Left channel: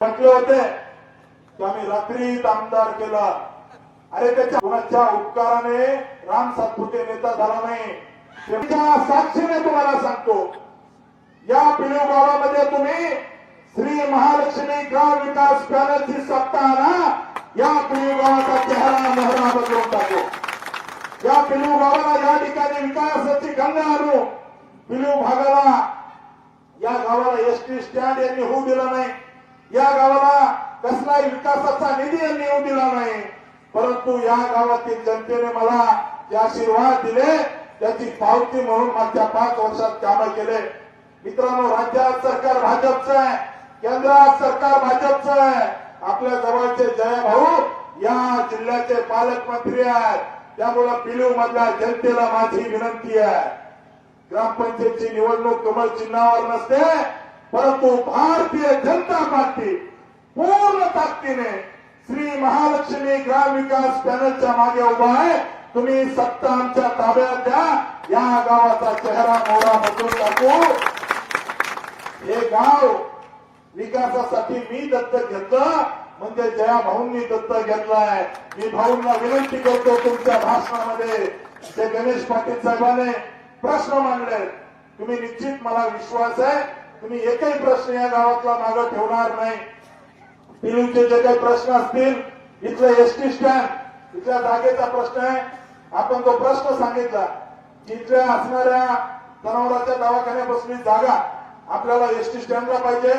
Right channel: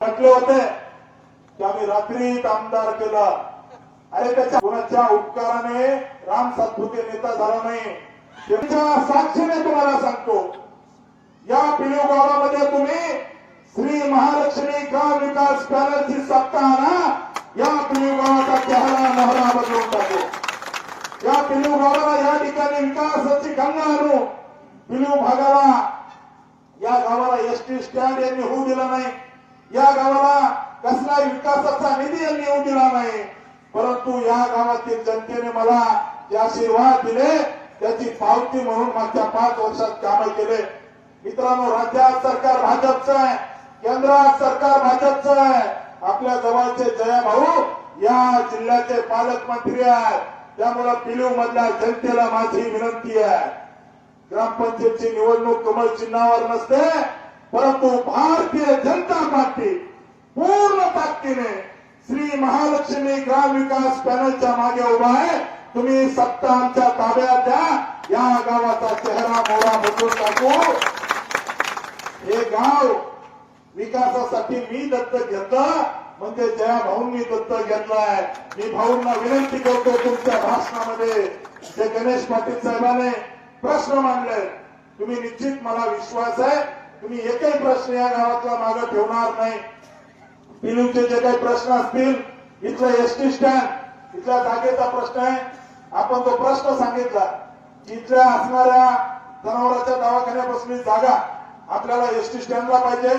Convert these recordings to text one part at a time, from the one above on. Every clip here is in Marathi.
म्हटले होते की आम्ही रात्रीत आमदार केला. अरे त्याच्या कोणाच्या उपकाराने राम सातपुते नेता झाला नाही? साक्षीने तुम्हाला सांगतो या पिलू गावामध्ये तुम्ही श्री महालक्ष्मी गाव विकास पॅनलची सत्ता आणा या पिलू गावाचा चेहरा मोहरा बदलून टाकू. या पिलू गावाला या ठिकाणी विकासाची गंगा आणू. पिलू भागाला या गावाला एसटी स्टँड यांनी होऊ दिला नाही. या गावाला कसलाही विकासाचा निधी यांनी येऊ दिला नाही. परंतु या गावातील जनतेने मला जे आशीर्वाद दिले त्याची पावती म्हणून मागच्या पाच वर्षात कामं केले. मित्रांनो राज्यात सरकार भाजपचं आहे केंद्रात सरकार भाजपचं आहे. आपल्या जवळचे जया भाऊ या जिल्ह्याचे पालकमंत्री आहेत. त्यामुळे पिलीव मधल्या जनतेला माझी विनंती आहे. ग्रामपंचायतची निवडणूक कमळ चिन्हावर नसते. परंतु भारतीय जनता पार्टी पूर्ण ताकदीने श्री महालक्ष्मी ग्राम विकास पॅनलच्या मागे उभा आहे. तुम्ही सत्ता आमच्या ताब्यात द्या. या गावाचा चेहरा मोहरा बदलून टाकू. हे गाव विकासासाठी मी दत्तक घेतलं. म्हणजे जया भाऊंनी दत्तक घेतलाय. मी भाऊंना विनंती करतो तुमच्या भाषणामध्ये. जे गणेश पाटील साहेबाने प्रश्न मांडले. तुम्ही निश्चित मला विश्वास आहे. तुम्ही एकही प्रश्न या गावातला मागे ठेवणार नाही. पिलूचे जे काही प्रश्न असतील इथलं एसटी स्टँड इथल्या जागेचा प्रश्न आहे. आपण तो प्रश्न सांगितला इथल्या असणाऱ्या जनावरांच्या दवाखान्यापासून जागा आपल्याला एसटी स्टँडला पाहिजे.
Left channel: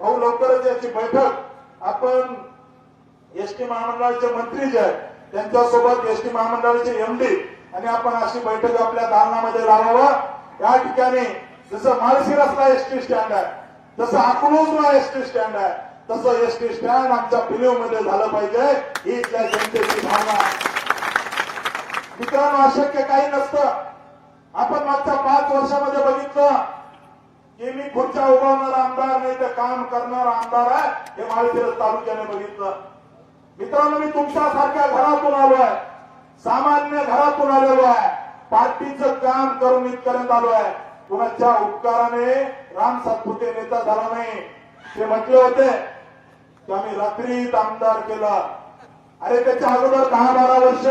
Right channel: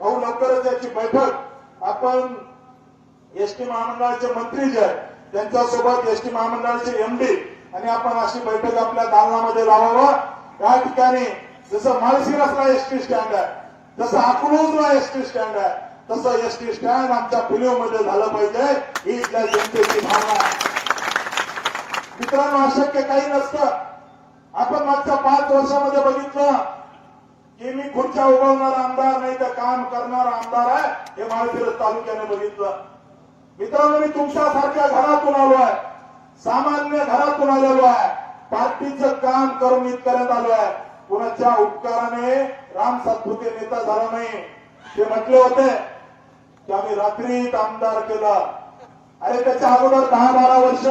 भाऊ लवकरच याची बैठक. आपण एसटी महामंडळाचे मंत्री जे आहेत त्यांच्यासोबत एसटी महामंडळाचे एमडी आणि आपण अशी बैठक आपल्या दालनामध्ये लावावं. या ठिकाणी जसं माळशिरसला एसटी स्टँड आहे जसं अकलूजला एसटी स्टँड आहे तसं एसटी स्टँड आमच्या पिलीवमध्ये झालं पाहिजे ही इथल्या जनतेची भावना. मित्रांनो अशक्य काही नसतं. आपण मागच्या पाच वर्षामध्ये बघितलं की मी खुर्च्या उभवणारा आमदार नाही तर काम करणारा आमदार आहे हे माळशिरस तालुक्याने बघितलं. मित्रांनो मी तुमच्यासारख्या घरातून आलो आहे. सामान्य घरातून आलेलो आहे. पार्टीचं काम करून इथपर्यंत आलो आहे. कुणाच्या उपकाराने राम सातपुते नेता झाला नाही? ते म्हटले होते की आम्ही रात्रीत आमदार केला. अरे त्याच्या अगोदर दहा बारा वर्ष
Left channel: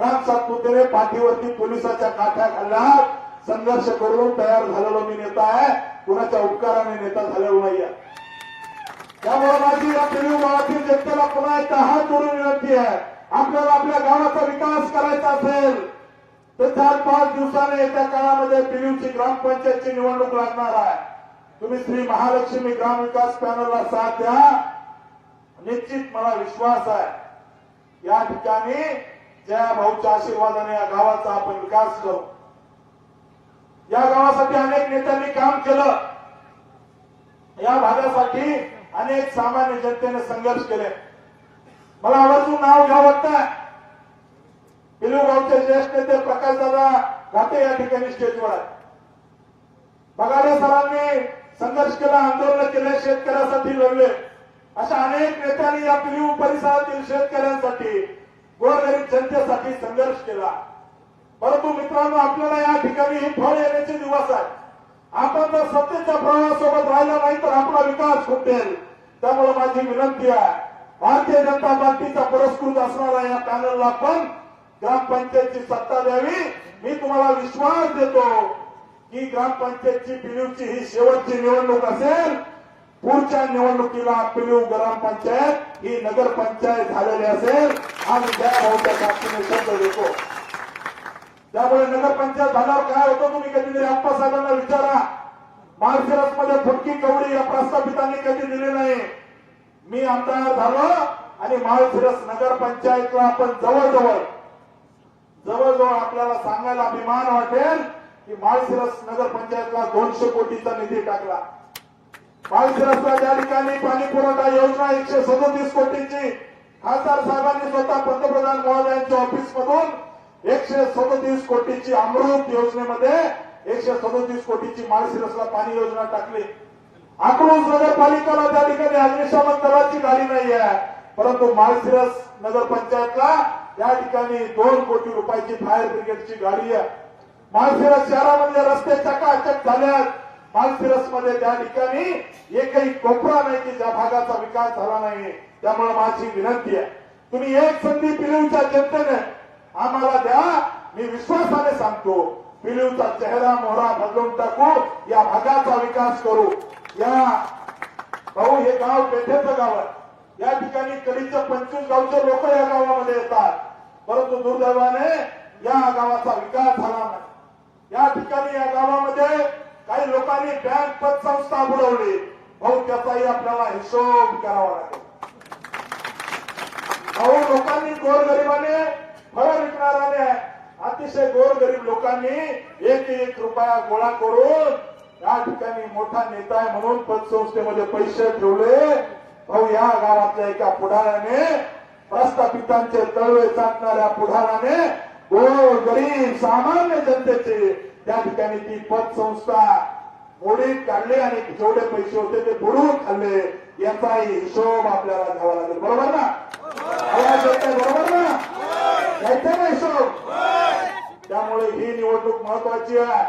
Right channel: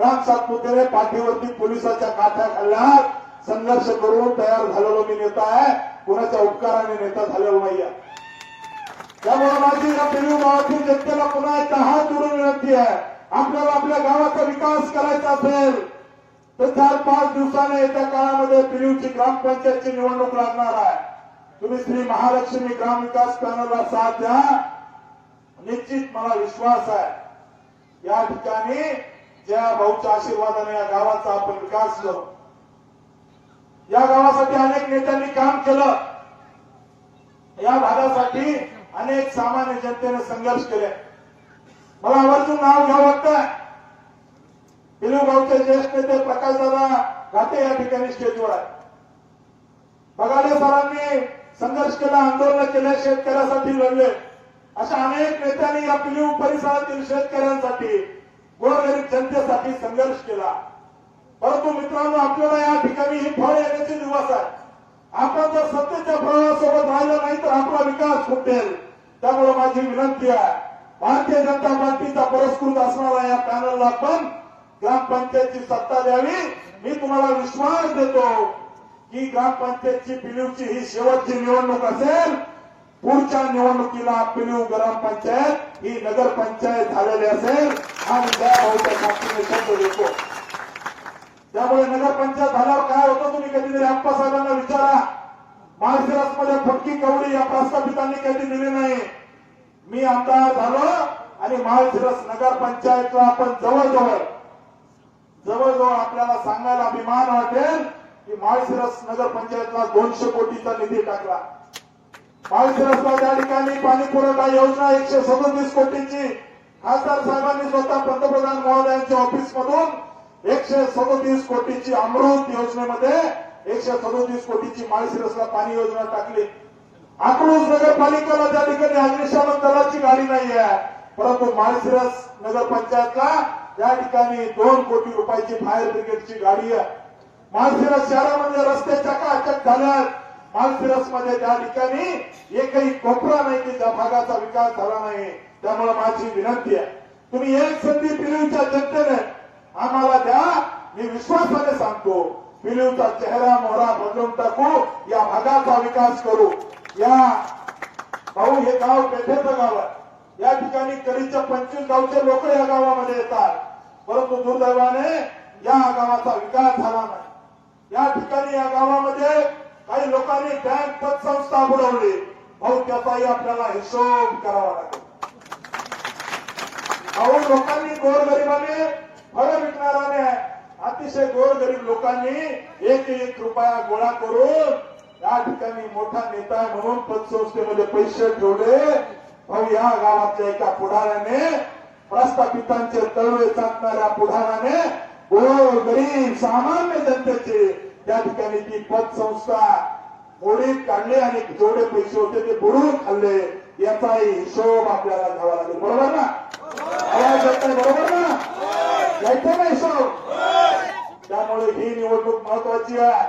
राम सातपुतेने पाठीवरती पोलिसाच्या काठ्या खाल्ल्या संघर्ष करून तयार झालेलो मी नेता आहे. कुणाच्या उपकाराने नेता झालेलो नाहीये. त्यामुळे माझी या पिढी गावातील जनतेला पुन्हा एकदा हात जोडून विनंती आहे? आपल्याला आपल्या गावाचा विकास करायचा असेल तर चार पाच दिवसाने येत्या काळामध्ये पिलीवची ग्रामपंचायतची निवडणूक लागणार आहे. तुम्ही श्री महालक्ष्मी ग्राम विकास पॅनलला साथ द्या. निश्चित मला विश्वास आहे. या ठिकाणी ज्या भाऊच्या आशीर्वादाने या गावाचा आपण विकास करू या गावासाठी अनेक नेत्यांनी काम केलं. या भागासाठी अनेक सामान्य जनतेने संघर्ष केले. मला आवर्जून नाव घ्या वाटतं. पिलूगावचे ज्येष्ठ नेते प्रकाशदादा घाटे या ठिकाणी स्टेजवर आहे बगाडे सरांनी संघर्ष केला आंदोलन केले शेतकऱ्यासाठी लढले. अशा अनेक नेत्यांनी या पिलीव परिसरातील शेतकऱ्यांसाठी गोरगरीब जनतेसाठी संघर्ष केला. परंतु मित्रांनो आपल्याला या ठिकाणी ही फळ येण्याचे दिवस आहेत. आपण जर सत्तेच्या प्रवाहासोबत राहिला नाही तर आपला विकास खुटेल त्यामुळे माझी विनंती आहे भारतीय जनता पार्टीचा पुरस्कृत असणारा या पॅनलला पण ग्रामपंचायतची सत्ता द्यावी मी तुम्हाला विश्वास देतो की ग्रामपंचायतची पिलूची ही शेवटची निवडणूक असेल पुढच्या निवडणुकीला पिलीव ग्रामपंचायत ही नगरपंचायत झालेली असेल आणि त्या भाऊच्या शब्द देतो. त्यामुळे नगरपंचायत झाल्यावर काय होतं तुम्ही कधीतरी आप्पा साहेबांना विचारा. माळशिरस फटकी कवडी या प्रस्थापितांनी कधी दिली नाही. मी आमदार झालो आणि माळशिरस नगरपंचायतला आपण जवळजवळ जवळजवळ आपल्याला सांगायला अभिमान वाटेल की माळशिरस नगरपंचायतला दोनशे कोटीचा निधी टाकला. माळशिरसला त्या ठिकाणी पाणी पुरवठा योजना एकशे सदोतीस कोटीची. खासदार साहेबांनी स्वतः पंतप्रधान महोदयांच्या ऑफिसमधून एकशे सदोतीस कोटीची अमृत योजनेमध्ये एकशे सदोतीस कोटीची माळशिरसला पाणी योजना टाकली. आक्रोश नगरपालिकेला त्या ठिकाणी अग्निशमन दलाची गाडी नाही आहे परंतु माळशिरस नगरपंचायतला त्या ठिकाणी दोन कोटी रुपयाची फायर ब्रिगेडची गाडी आहे. माळशिरस शहरामध्ये रस्ते चकाचक झाल्यात. मालसिरसमध्ये त्या ठिकाणी एकही कोपरा नाही की त्या भागाचा विकास झाला नाही. त्यामुळे माझी विनंती आहे. तुम्ही एक संधी पिलिवच्या जनतेने आम्हाला द्या. मी विश्वासाने सांगतो पिलिवचा चेहरा मोहरा बदलून टाकू या भागाचा विकास करू. या भाऊ हे गाव पेठेचं गाव आहे. या ठिकाणी कधीच्या पंचवीस गावचे लोक या गावामध्ये येतात. परंतु दुर्दैवाने या गावाचा विकास झाला नाही. या ठिकाणी या गावामध्ये काही लोकांनी बँक पतसंस्था बुडवली. भाऊ त्याचाही आपल्याला हिशोब करावा लागेल. भाऊ लोकांनी गोरगरिबाने फळं विकणाऱ्याने अतिशय गोरगरीब लोकांनी एक एक रुपया गोळा करून या ठिकाणी मोठा नेता आहे म्हणून पतसंस्थेमध्ये पैसे ठेवले. भाऊ या गावातल्या एका पुढाऱ्याने प्रस्थापितांचे तळवे चाकणाऱ्या पुढाराने गोर गरीब सामान्य जनतेचे त्या ठिकाणी ती पतसंस्था मोडीत काढले आणि जेवढे पैसे होते ते बुडून खाल्ले याचाही हिशोब आपल्याला घ्यावा लागेल. बरोबर ना? आवाज येत बरोबर ना? यायचं ना हिशोब? त्यामुळे ही निवडणूक महत्वाची आहे.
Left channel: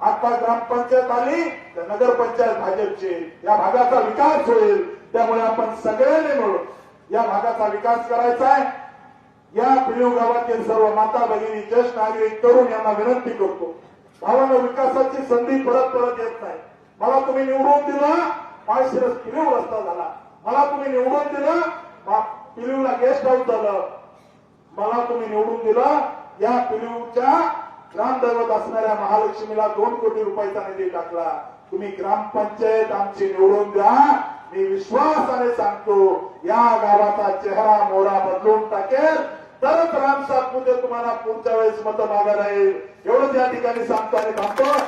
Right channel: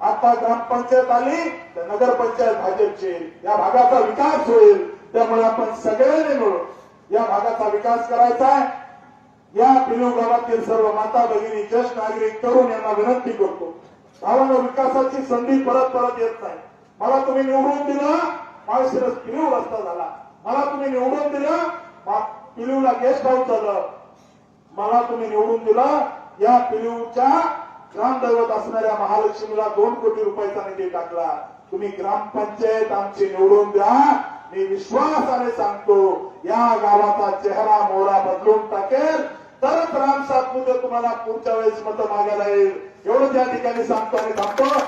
आता ग्रामपंचायत आली तर नगरपंचायत भाजपची. या भागाचा विकास होईल त्यामुळे आपण सगळ्यांनी मिळून या भागाचा विकास करायचा आहे. या पिलीव गावातील सर्व माता भगिनी ज्येष्ठ नागरिक तरुण यांना विनंती करतो. गावाला विकासाची संधी परत परत येत नाही. मला तुम्ही निवडून दिलं माळशिरस पिलीव रस्ता झाला. मला तुम्ही निवडून दिलं मा- गेस्ट हाऊस झालं. मला तुम्ही निवडून दिलं या पिलीवच्या ग्रामदैवत असणाऱ्या महालक्ष्मीला दोन कोटी रुपयाचा निधी टाकला. तुम्ही ग्रामपंचायत आमची निवडून द्या. मी विश्वासाने सांगतो या गावाचा चेहरा मोरा बदलून टाकेल. तरच राम सातपुते तुम्हाला पुढच्या वेळेस मतं मागायला येईल. एवढं त्या ठिकाणी सांगतो आणि थांबतो.